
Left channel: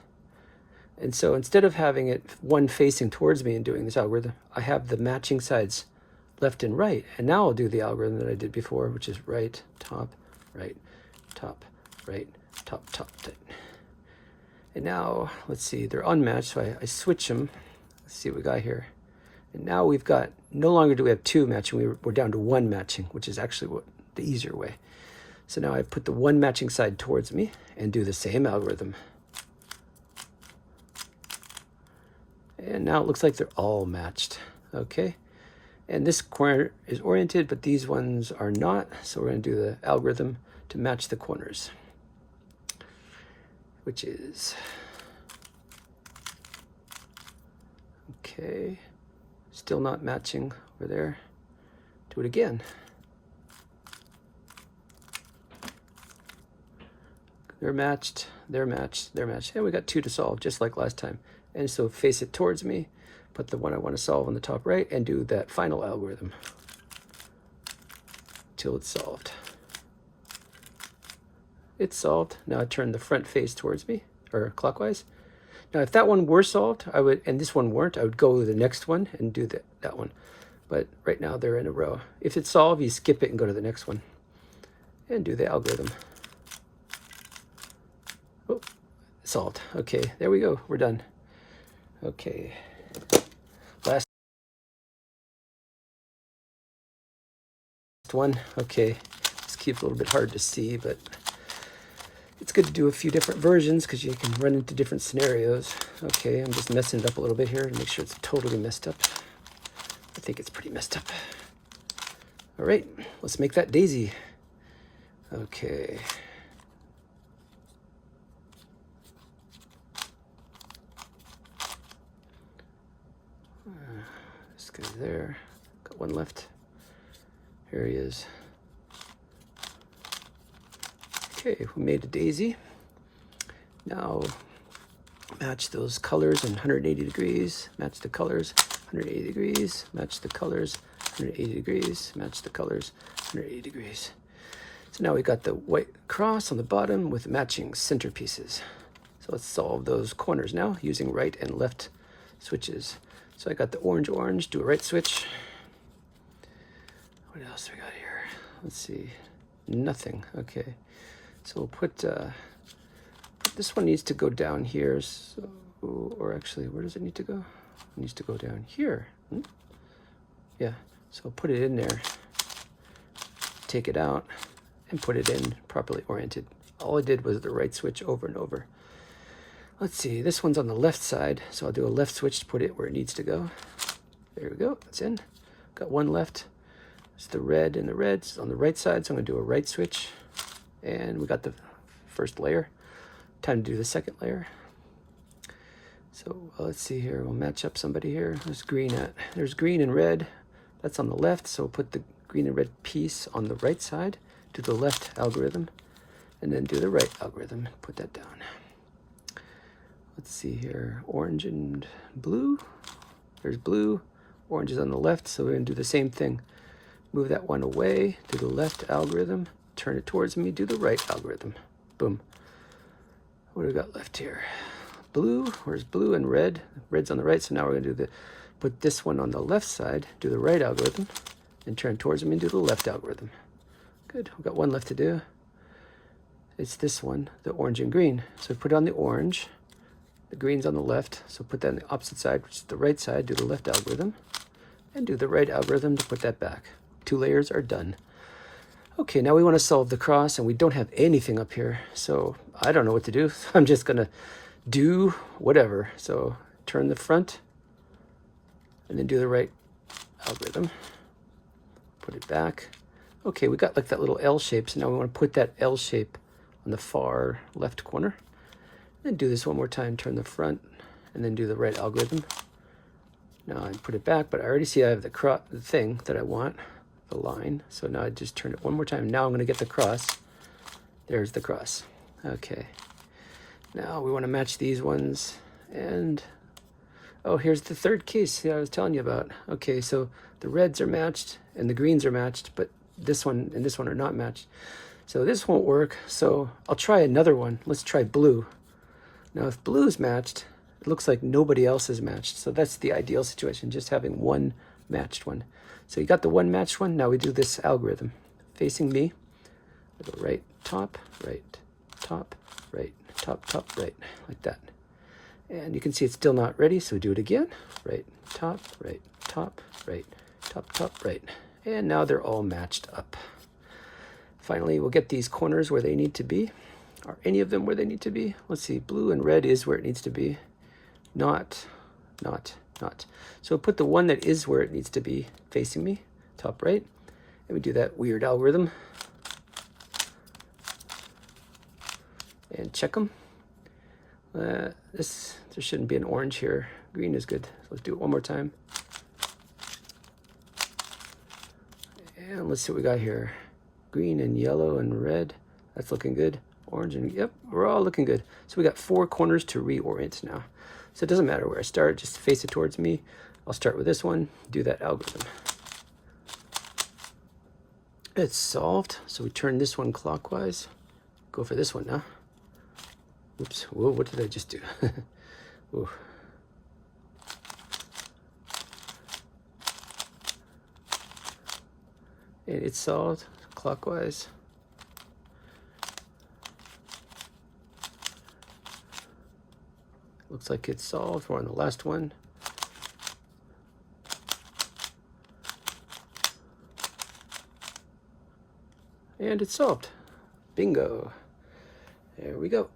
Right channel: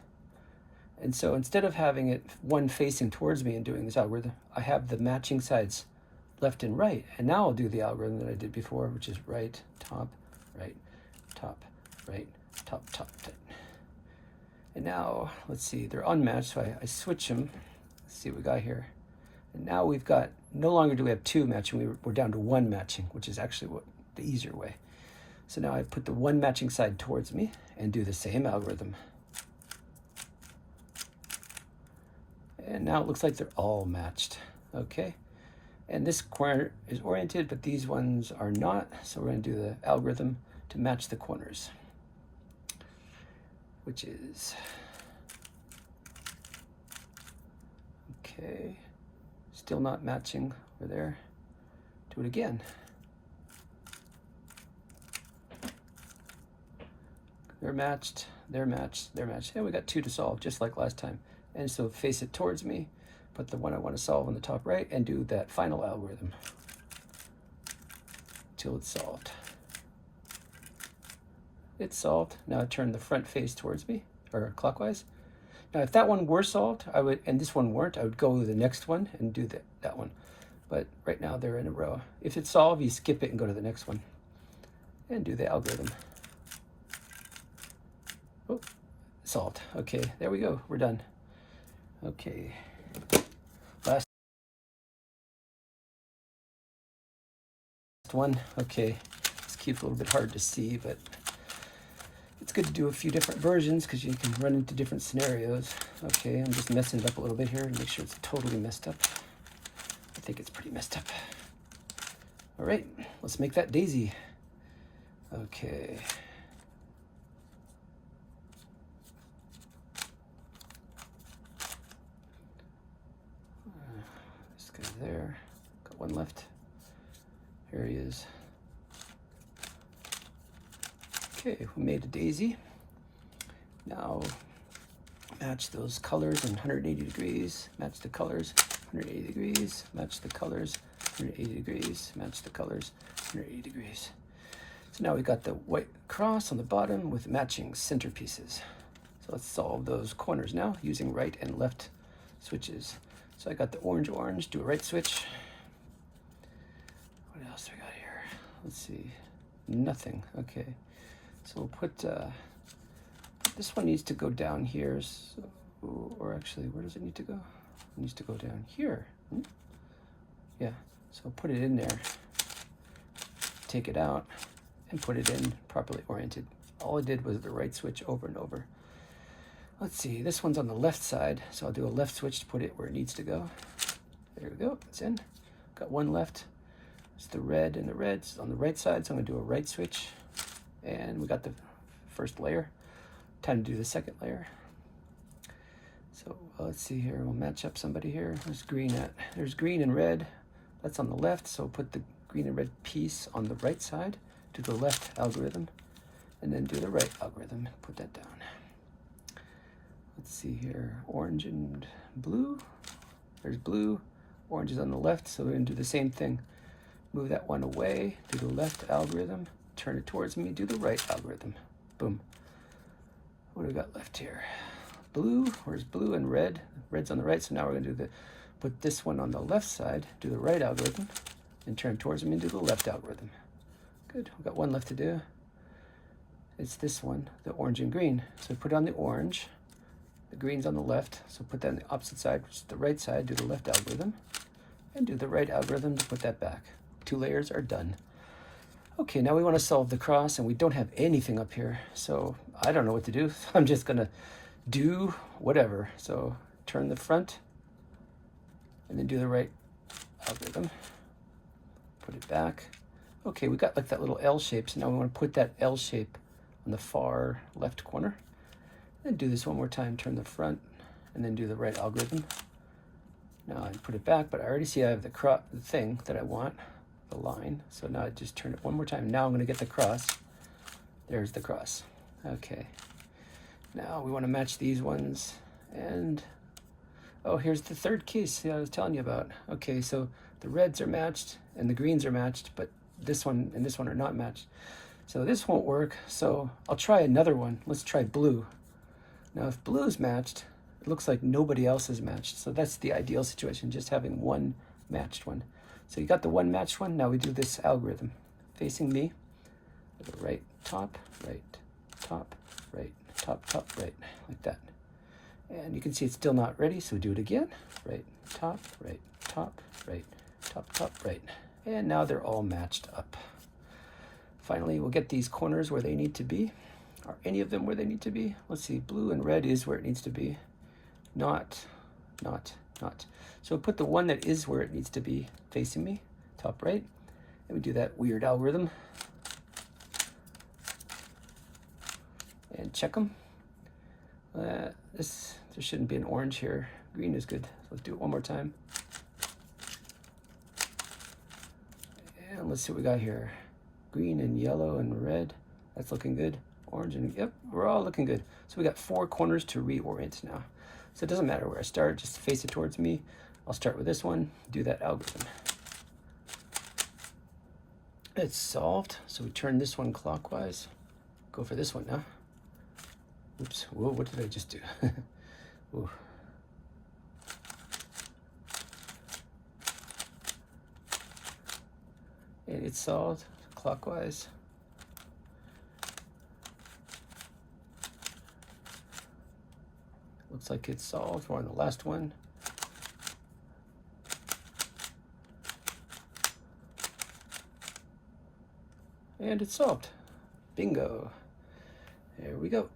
And so instead of having it one facing towards me and doing this algorithm, I have the matching sides left and right. And now I'll do the algorithm that I did before, which is right, top, right, top, right, top, top. And now, let's see, they're unmatched, so I switch them. Let's see what we got here. And now we've got, no longer do we have two matching, we're down to one matching, which is actually the easier way. So now I put the one matching side towards me and do the same algorithm. And now it looks like they're all matched, okay? And this corner is oriented, but these ones are not, so we're gonna do the algorithm to match the corners, which is, okay, still not matching over there. Do it again. They're matched, they're matched, they're matched. And we got two to solve, just like last time. And so face it towards me, put the one I want to solve on the top right, and do that final algorithm till it's solved. It's solved. Now I turn the front face towards me, or clockwise. Now if that one were solved, I would, and this one weren't, I would go to the next one and do that one. But right now they're in a row. If it's solved, you skip it and go to the next one and do the algorithm. Oh, solved. Okay, there we go. We're done. Okay. Last one. Okay. This keeps a little bit hard to see, but it's good to do a few different versions because you can run into different scenarios. Okay, I'm just messing it up a little bit here to make sure it's totally messed up. I think it's pretty messed up. All right, let's make that daisy. Okay. This guy's there. Got one left. Here he is. Okay, we made a daisy. Now match those colors in 180 degrees. Match the colors 180 degrees. Match the colors 180 degrees. Match the colors 180 degrees. So now we got the white cross on the bottom with matching centerpieces. So let's solve those corners now using right and left switches. So I got the orange, orange, do a right switch. What else do we got here? Let's see, nothing, okay. So we'll put this one needs to go down here, so, or actually, where does it need to go? It needs to go down here. Yeah, so I'll put it in there, take it out, and put it in properly oriented. All I did was the right switch over and over. Let's see, this one's on the left side, so I'll do a left switch to put it where it needs to go. There we go, it's in. Got one left. It's the red, and the red's on the right side, so I'm gonna do a right switch. And we got the first layer. Time to do the second layer. So let's see here, we'll match up somebody here. Where's green at? There's green and red. That's on the left, so we'll put the green and red piece on the right side, do the left algorithm, and then do the right algorithm, put that down. Let's see here, orange and blue. There's blue, orange is on the left, so we're gonna do the same thing. Move that one away, do the left algorithm, turn it towards me, do the right algorithm. Boom. What do we got left here? Blue, where's blue and red? Red's on the right, so now we're gonna put this one on the left side, do the right algorithm, and turn towards me and do the left algorithm. Good, we've got one left to do. It's this one, the orange and green. So put on the orange, the green's on the left, so put that on the opposite side, which is the right side, do the left algorithm, and do the right algorithm to put that back. 2 layers are done. Okay, now we want to solve the cross, and we don't have anything up here, so I don't know what to do. I'm just gonna do whatever. So turn the front, and then do the right algorithm. Put it back. Okay, we got like that little L shape, so now we want to put that L shape on the far left corner. And do this one more time, turn the front, and then do the right algorithm. Now I put it back, but I already see I have the thing that I want, the line. So now I just turn it one more time. Now I'm gonna get the cross. There's the cross. Okay. Now we wanna match these ones, and oh, here's the third case that I was telling you about. Okay, so the reds are matched and the greens are matched, but this one and this one are not matched. So this won't work, so I'll try another one. Let's try blue. Now if blue is matched, it looks like nobody else is matched. So that's the ideal situation, just having one matched one. So you got the one matched one. Now we do this algorithm. Facing me, I go right, top, right, top, right, top, top, right, like that. And you can see it's still not ready, so we do it again. Right, top, right, top, right, top, top, right. And now they're all matched up. Finally, we'll get these corners where they need to be. Are any of them where they need to be? Let's see, blue and red is where it needs to be. Not. So we'll put the one that is where it needs to be facing me, top right. And we do that weird algorithm. And check them. There shouldn't be an orange here. Green is good. So let's do it one more time. And let's see what we got here. Green and yellow and red. That's looking good. Orange and, yep, we're all looking good. So we got 4 corners to reorient now. So it doesn't matter where I start, just face it towards me. I'll start with this one, do that algorithm. It's solved. So we turn this one clockwise. Go for this one now. Oops, whoa, what did I just do? Ooh. And it's solved clockwise. Looks like it's solved. We're on the last one. And it's solved. Bingo. There we go.